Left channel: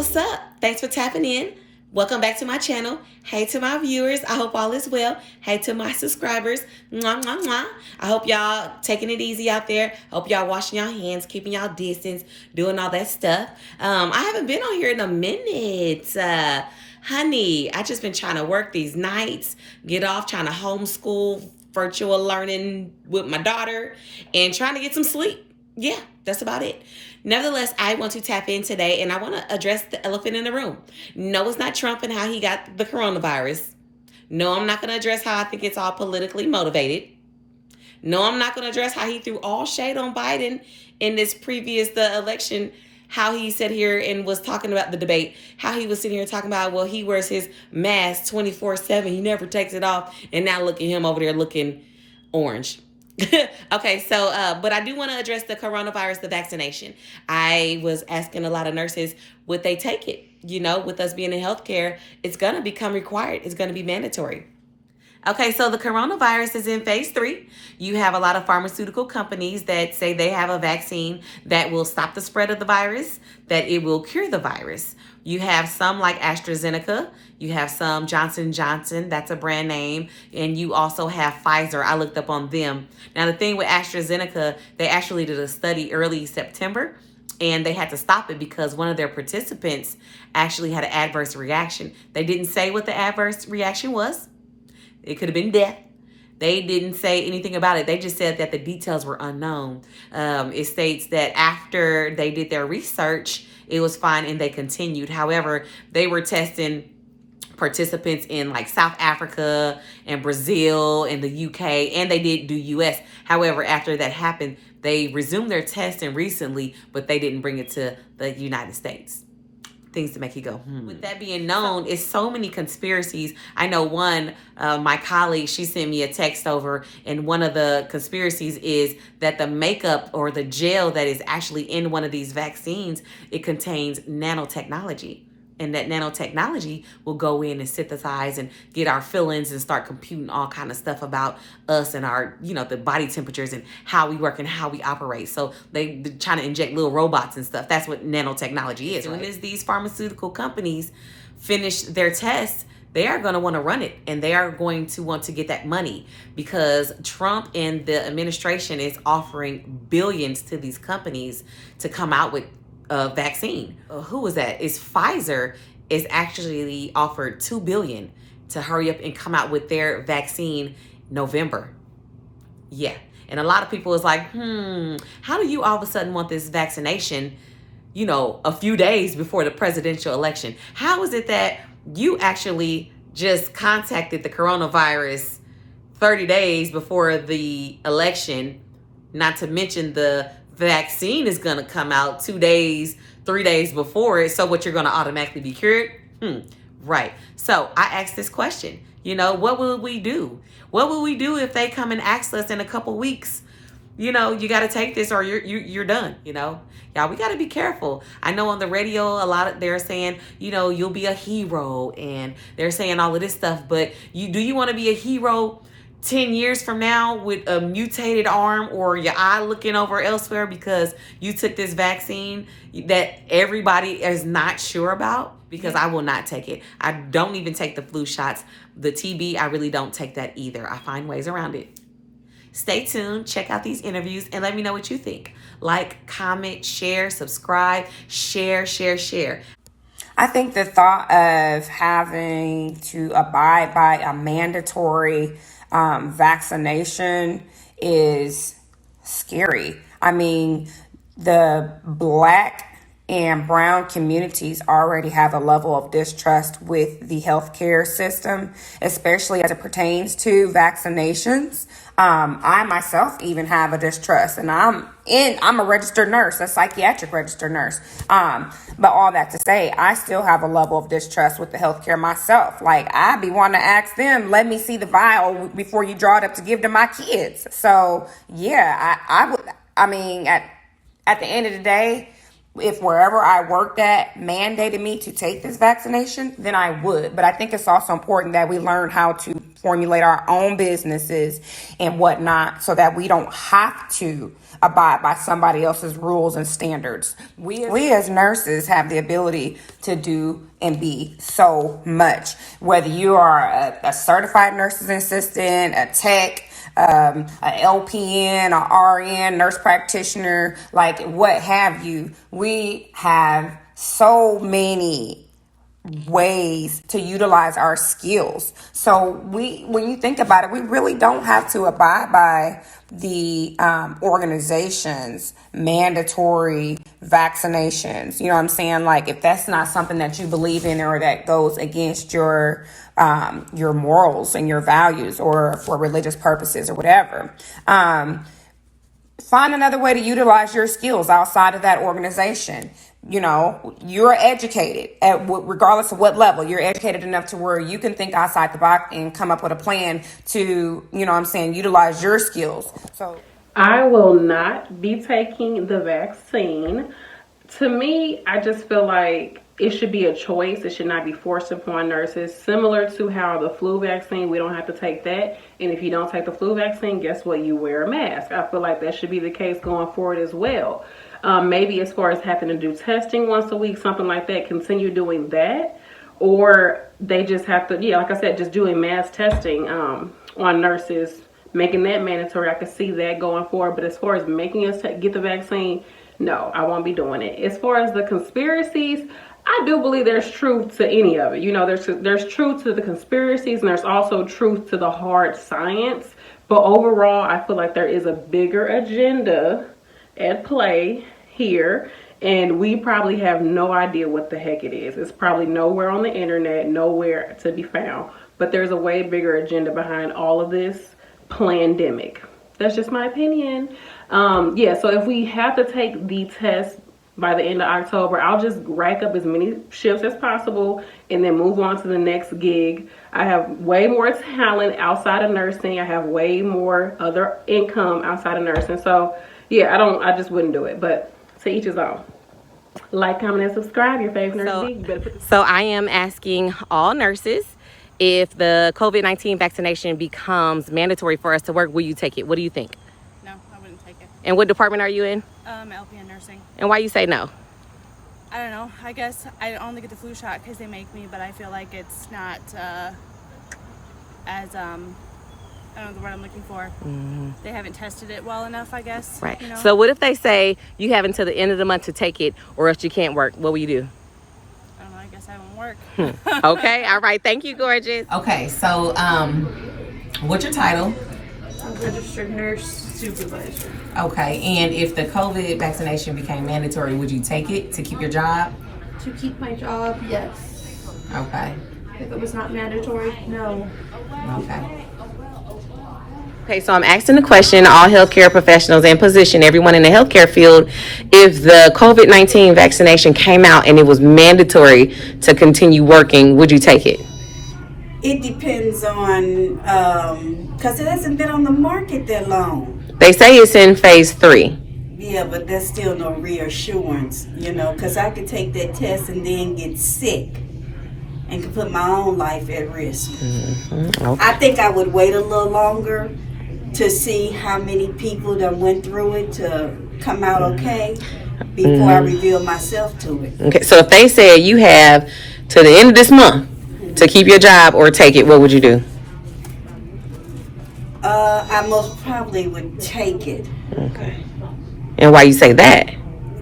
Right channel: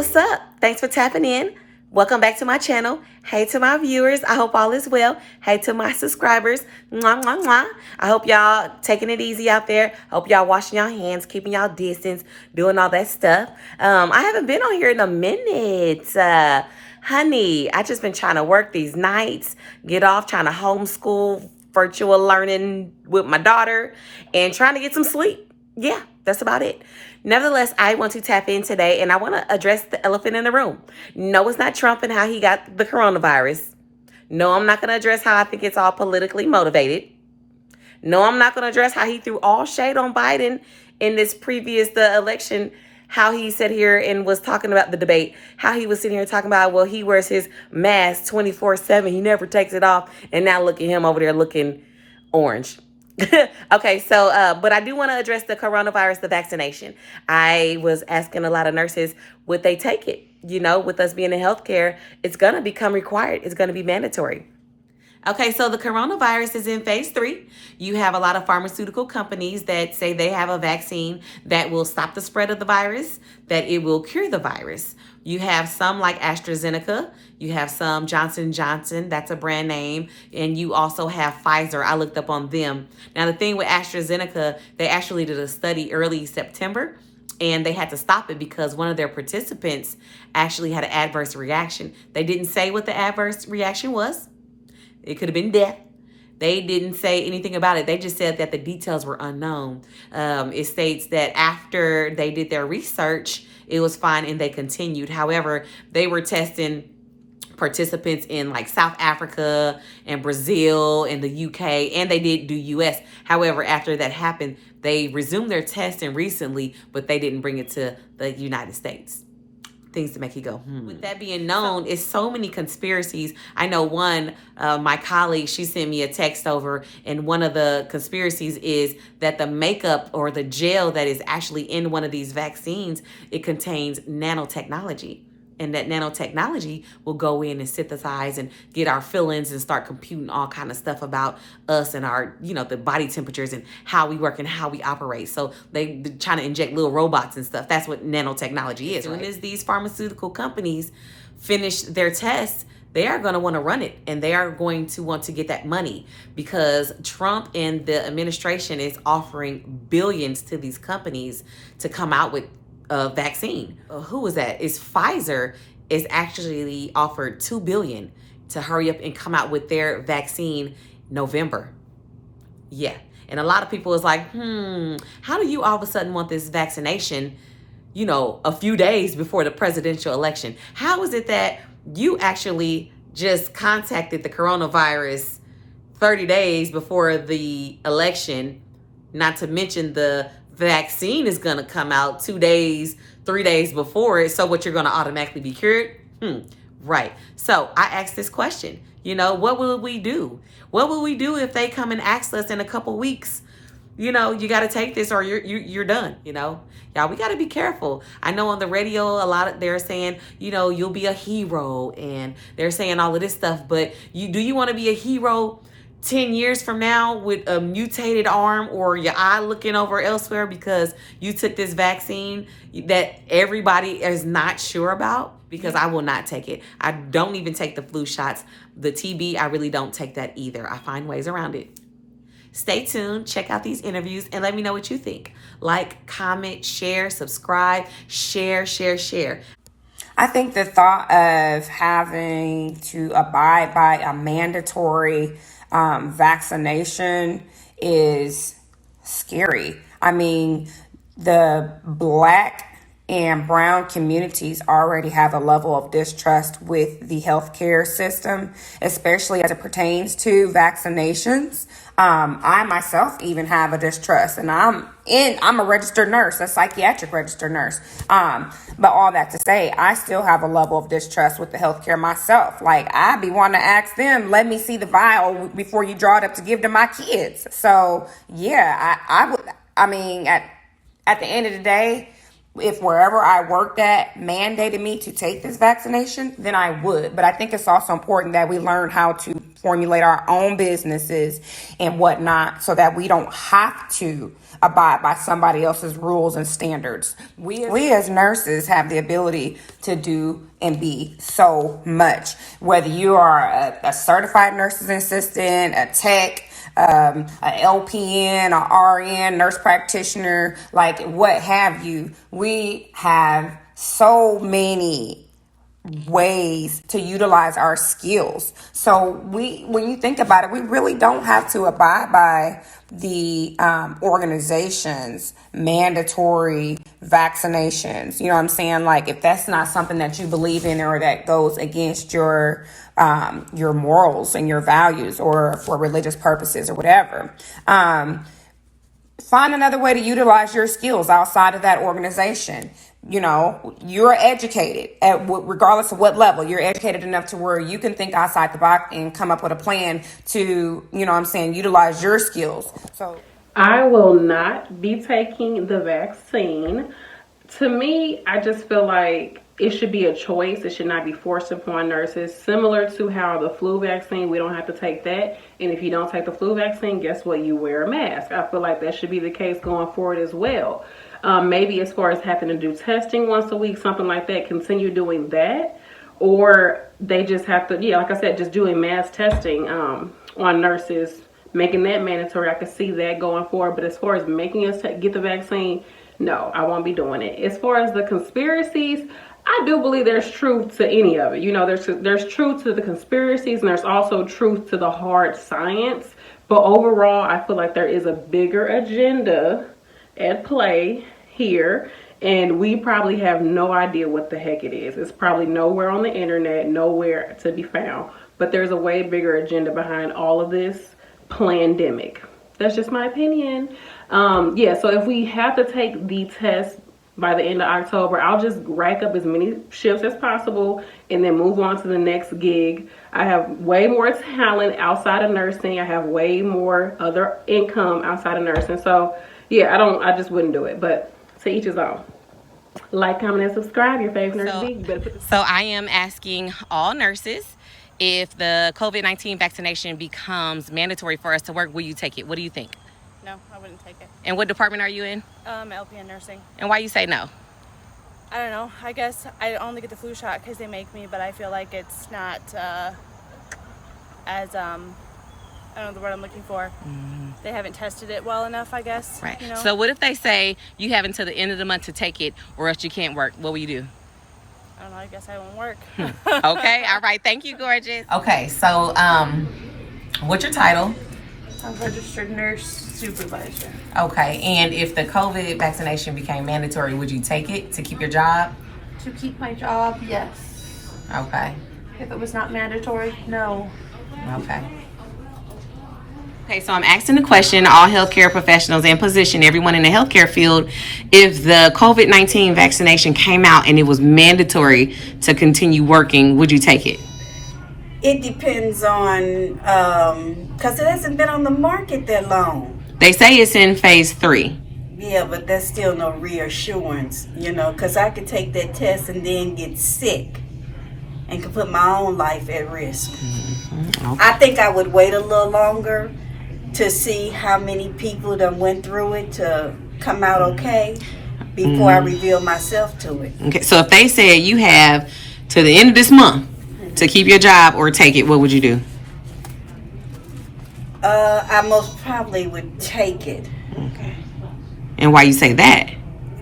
what's up? Thanks for tapping in. Welcome back to my channel. Hey to my viewers, I hope all is well. Hey to my subscribers, mwah, mwah, mwah. I hope y'all taking it easy out there. Hope y'all washing y'all hands, keeping y'all distance, doing all that stuff. I haven't been on here in a minute. Honey, I just been trying to work these nights, get off, trying to homeschool, virtual learning with my daughter, and trying to get some sleep. Yeah, that's about it. Nevertheless, I want to tap in today and I want to address the elephant in the room. No, it's not Trump and how he got the coronavirus. No, I'm not going to address how I think it's all politically motivated. No, I'm not going to address how he threw all shade on Biden in this the election, how he sat here and was talking about the debate, how he was sitting here talking about, well, he wears his mask 24/7. He never takes it off. And now look at him over there looking orange. Okay, so, but I do want to address the coronavirus, the vaccination. I was asking a lot of nurses, would they take it? You know, with us being in healthcare, it's going to become required. It's going to be mandatory. Okay, so the coronavirus is in phase 3. You have a lot of pharmaceutical companies that say they have a vaccine that will stop the spread of the virus, that it will cure the virus. You have some like AstraZeneca. You have some Johnson & Johnson. That's a brand name. And you also have Pfizer. I looked up on them. Now, the thing with AstraZeneca, they actually did a study early September, and they had to stop it because one of their participants actually had an adverse reaction. They didn't say what the adverse reaction was. It could have been death. They didn't say anything about it. They just said that the details were unknown. It states that after they did their research, it was fine and they continued. However, they were testing participants in like South Africa and Brazil and the UK, and they did do US. However, after that happened, they resumed their testing recently, but they didn't bring it to the United States. Things to make you go, With that being known, it's so many conspiracies. I know one, my colleague, she sent me a text over, and one of the conspiracies is that the makeup or the gel that is actually in one of these vaccines, it contains nanotechnology. And that nanotechnology will go in and synthesize and get our feelings and start computing all kind of stuff about us and our, the body temperatures and how we work and how we operate. So they're trying to inject little robots and stuff. That's what nanotechnology is. Right? As soon as these pharmaceutical companies finish their tests, they are going to want to run it, and they are going to want to get that money because Trump and the administration is offering billions to these companies to come out with a vaccine. Who was that? It's Pfizer is actually offered $2 billion to hurry up and come out with their vaccine November. Yeah. And a lot of people is like, how do you all of a sudden want this vaccination, a few days before the presidential election? How is it that you actually just contacted the coronavirus 30 days before the election, not to mention the vaccine is going to come out 2 days, 3 days before it. So what, you're going to automatically be cured? Right. So I asked this question, what will we do? What will we do if they come and ask us in a couple weeks, you got to take this or you're done, Y'all, we got to be careful. I know on the radio, they're saying, you'll be a hero, and they're saying all of this stuff, but do you want to be a hero 10 years from now with a mutated arm or your eye looking over elsewhere because you took this vaccine that everybody is not sure about? Because I will not take it. I don't even take the flu shots. The TB, I really don't take that either. I find ways around it. Stay tuned, check out these interviews, and let me know what you think. Like, comment, share, subscribe, share. I think the thought of having to abide by a mandatory vaccination is scary. I mean, the Black and brown communities already have a level of distrust with the healthcare system, especially as it pertains to vaccinations. I myself even have a distrust, and I'm a registered nurse, a psychiatric registered nurse. But all that to say, I still have a level of distrust with the healthcare myself. Like, I be wanting to ask them, let me see the vial before you draw it up to give to my kids. So yeah, I would, at the end of the day, if wherever I worked at mandated me to take this vaccination, then I would. But I think it's also important that we learn how to formulate our own businesses and whatnot so that we don't have to abide by somebody else's rules and standards. We as nurses have the ability to do and be so much. Whether you are a certified nurse's assistant, a tech, a LPN, a RN, nurse practitioner, like what have you, we have so many ways to utilize our skills. So when you think about it, we really don't have to abide by the organization's mandatory vaccinations. You know what I'm saying? Like if that's not something that you believe in or that goes against your morals and your values or for religious purposes or whatever. Find another way to utilize your skills outside of that organization. You know, you're educated regardless of what level. You're educated enough to where you can think outside the box and come up with a plan to, you know what I'm saying, utilize your skills. So I will not be taking the vaccine. To me, I just feel like it should be a choice. It should not be forced upon nurses. Similar to how the flu vaccine, we don't have to take that. And if you don't take the flu vaccine, guess what? You wear a mask. I feel like that should be the case going forward as well. Maybe as far as having to do testing once a week, something like that, continue doing that. Or they just have to, like I said, just doing mass testing on nurses, making that mandatory. I could see that going forward. But as far as making us get the vaccine, no, I won't be doing it. As far as the conspiracies, I do believe there's truth to any of it. You know, there's truth to the conspiracies and there's also truth to the hard science. But overall, I feel like there is a bigger agenda at play here, and we probably have no idea what the heck it is. It's probably nowhere on the internet, nowhere to be found. But there's a way bigger agenda behind all of this pandemic. That's just my opinion. So if we have to take the test by the end of October, I'll just rack up as many shifts as possible and then move on to the next gig. I have way more talent outside of nursing. I have way more other income outside of nursing. So I just wouldn't do it, but to each his own. Like, comment, and subscribe. Your favorite nurse. So I am asking all nurses, if the COVID-19 vaccination becomes mandatory for us to work, will you take it? What do you think? No, I wouldn't take it. And what department are you in? LPN nursing. And why you say no? I don't know. I guess I only get the flu shot because they make me, but I feel like it's not as I don't know the word I'm looking for. Mm-hmm. They haven't tested it well enough, I guess. Right. You know? So what if they say you have until the end of the month to take it or else you can't work? What will you do? I don't know. I guess I won't work. Okay. All right. Thank you, gorgeous. Okay. So, what's your title? I'm registered nurse supervisor. Okay. And if the COVID vaccination became mandatory, would you take it to keep your job? To keep my job, yes. Okay. If it was not mandatory, no. Okay. Okay, so I'm asking the question, all healthcare professionals in position, everyone in the healthcare field, if the COVID-19 vaccination came out and it was mandatory to continue working, would you take it? It depends on, because it hasn't been on the market that long. They say it's in phase 3. Yeah, but that's still no reassurance, because I could take that test and then get sick and could put my own life at risk. Mm-hmm. Okay. I think I would wait a little longer to see how many people that went through it to come out okay before I reveal myself to it. Okay, so if they said you have to the end of this month to keep your job or take it, what would you do? I most probably would take it. Okay. And why you say that?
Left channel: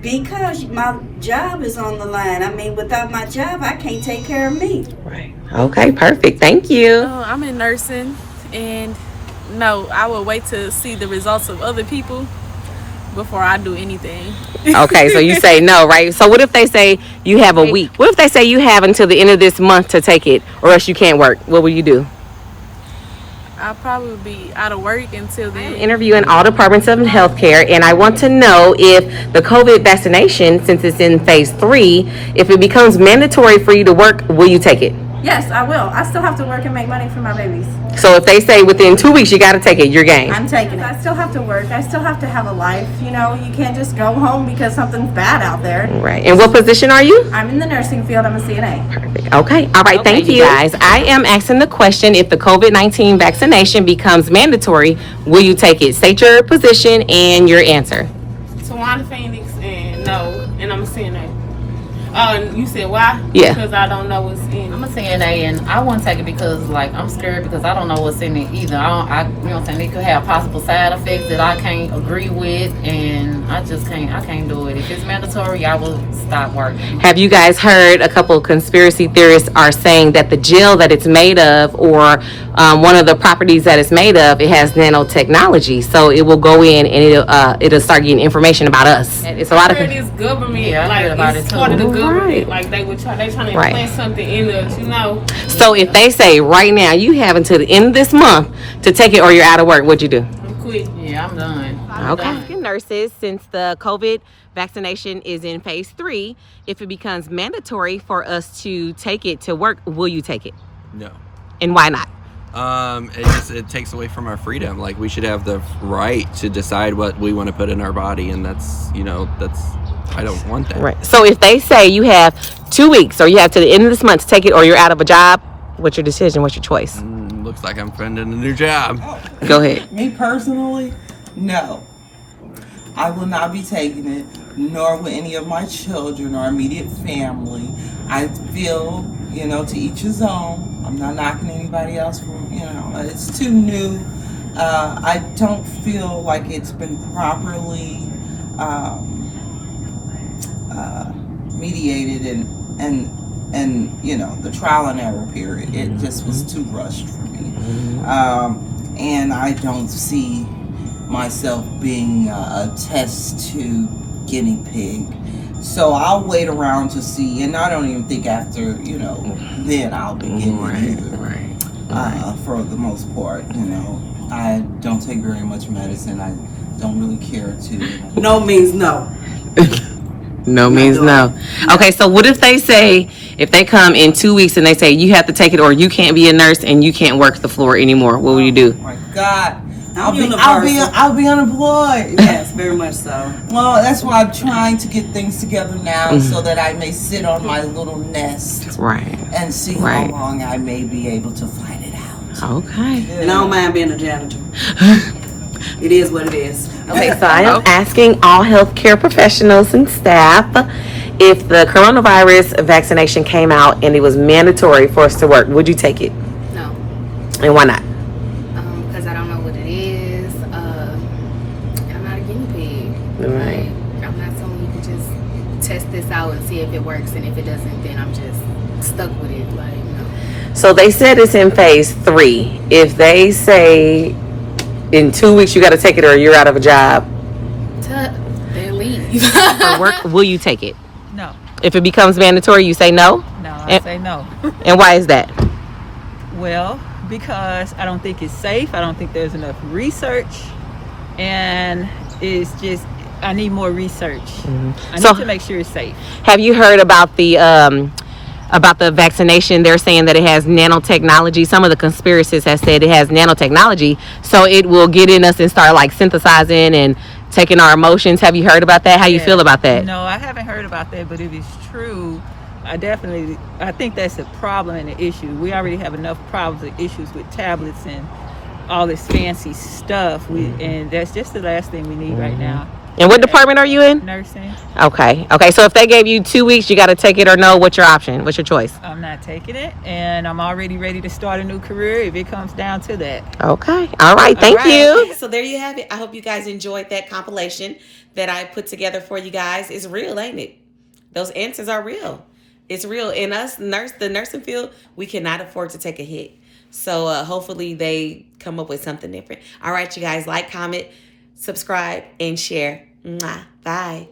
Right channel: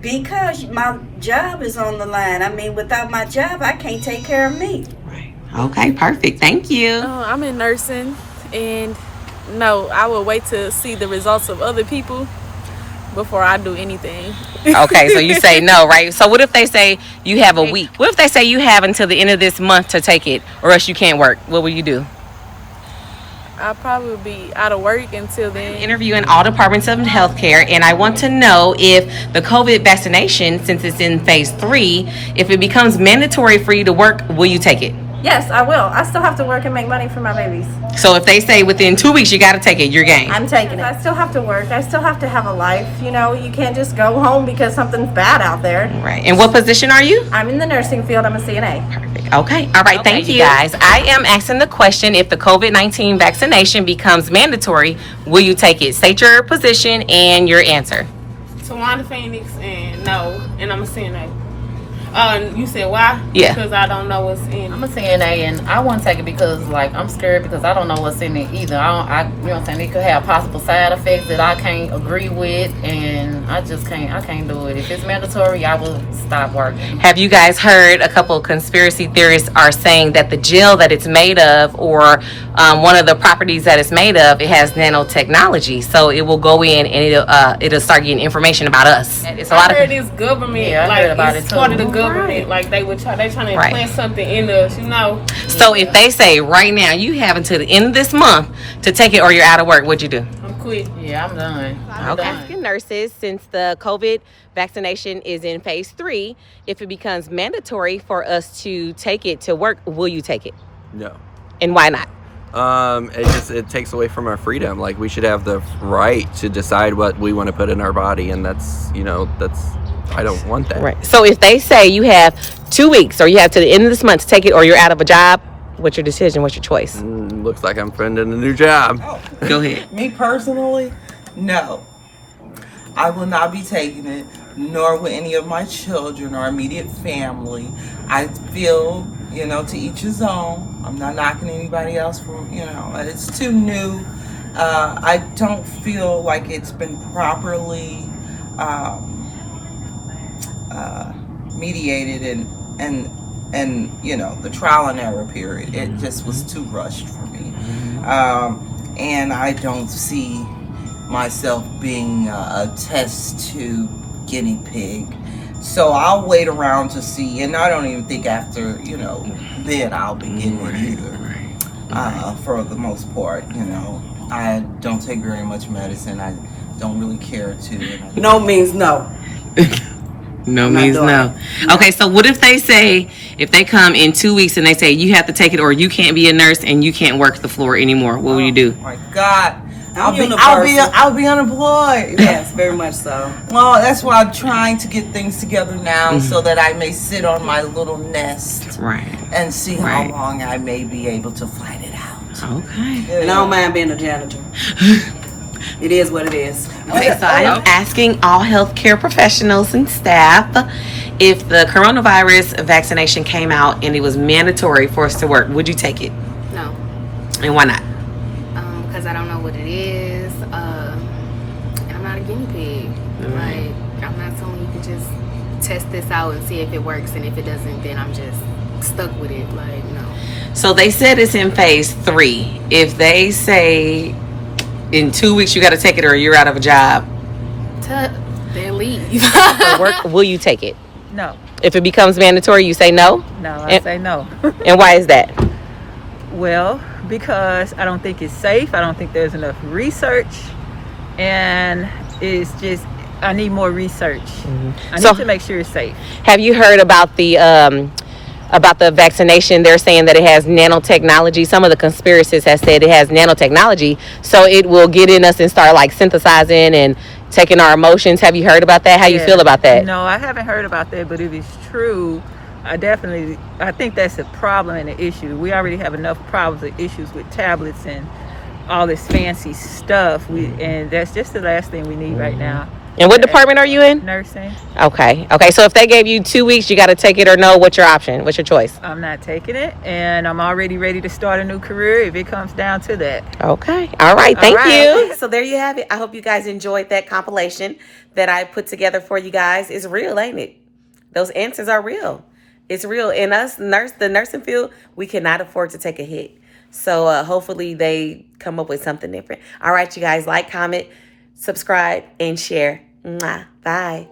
Because my job is on the line. I mean, without my job, I can't take care of me. Right. Okay, perfect. Thank you. I'm in nursing, and no, I will wait to see the results of other people before I do anything. Okay, so you say no, right? So what if they say you have a week? What if they say you have until the end of this month to take it or else you can't work? What will you do? I'll probably be out of work until then. I'm interviewing all departments of healthcare, and I want to know if the COVID vaccination, since it's in phase 3, if it becomes mandatory for you to work, will you take it? Yes, I will. I still have to work and make money for my babies. So if they say within 2 weeks you got to take it, you're game. I'm taking it. I still have to work. I still have to have a life. You know, you can't just go home because something's bad out there. Right. And what position are you? I'm in the nursing field. I'm a CNA. Perfect. Okay. All right. Thank you. Guys, I am asking the question, if the COVID-19 vaccination becomes mandatory, will you take it? State your position and your answer. Tawana Phoenix, and no, and I'm a CNA. You said why? Yeah. Because I don't know what's in I'm a it. CNA and I won't take it because like I'm scared because I don't know what's in it either. I you know what I'm saying, it could have possible side effects that I can't agree with, and I can't do it. If it's mandatory, I will stop working. Have you guys heard a couple of conspiracy theorists are saying that the gel that it's made of, or one of the properties that it's made of, it has nanotechnology, so it will go in and it'll start getting information about us. It's a lot of This government, Yeah, I heard about like it it's too. part of the government, like they trying to implant something in us, you know. So if they say right now you have until the end of this month to take it or you're out of work, what'd you do? I'm quit. Yeah, I'm done. Okay. Nurses, since the COVID vaccination is in phase 3, if it becomes mandatory for us to take it to work, will you take it? No. And why not? It takes away from our freedom. Like, we should have the right to decide what we want to put in our body, and that's I don't want that. Right. So if they say you have 2 weeks or you have to the end of this month to take it or you're out of a job, what's your decision? What's your choice? Looks like I'm finding a new job. Go ahead. Me personally, no. I will not be taking it, nor will any of my children or immediate family. I feel, to each his own. I'm not knocking anybody else for, it's too new. I don't feel like it's been properly mediated and the trial and error period. It just was too rushed for me. And I don't see myself being a test tube guinea pig. So I'll wait around to see, and I don't even think after, then I'll be getting it either. For the most part, I don't take very much medicine. I don't really care to. No means no. No means no. Okay, so what if they come in 2 weeks and they say you have to take it or you can't be a nurse and you can't work the floor anymore? What will you do? Oh my God. I'll be unemployed. Yes, very much so. Well, that's why I'm trying to get things together now so that I may sit on my little nest and see how long I may be able to fight it out. Okay. And I don't mind being a janitor. It is what it is. Okay, so I am asking all healthcare professionals and staff, if the coronavirus vaccination came out and it was mandatory for us to work, would you take it? No. And why not? Because I don't know what it is. I'm not a guinea pig. Like, I'm not someone you can just test this out and see if it works, and if it doesn't, then I'm just stuck with it. Like, no. So they said it's in phase 3. If they say in 2 weeks you got to take it or you're out of a job, Then leave. will you take it? No. If it becomes mandatory, you say no? No, I say no. And why is that? Well, because I don't think it's safe. I don't think there's enough research. And it's just, I need more research. I need to make sure it's safe. Have you heard about the vaccination? They're saying that it has nanotechnology. Some of the conspiracists have said it has nanotechnology, so it will get in us and start like synthesizing and taking our emotions. Have you heard about that? How you feel about that? No, I haven't heard about that, but if it's true, I think that's a problem and an issue. We already have enough problems and issues with tablets and all this fancy stuff. And that's just the last thing we need right now. And what department are you in? Nursing. Okay. So if they gave you 2 weeks, you got to take it or no, what's your option? What's your choice? I'm not taking it, and I'm already ready to start a new career if it comes down to that. Okay. All right. Thank you. So there you have it. I hope you guys enjoyed that compilation that I put together for you guys. It's real, ain't it? Those answers are real. It's real. In us, the nursing field, we cannot afford to take a hit. So hopefully they come up with something different. All right, you guys, like, comment, subscribe, and share. Mwah. Bye.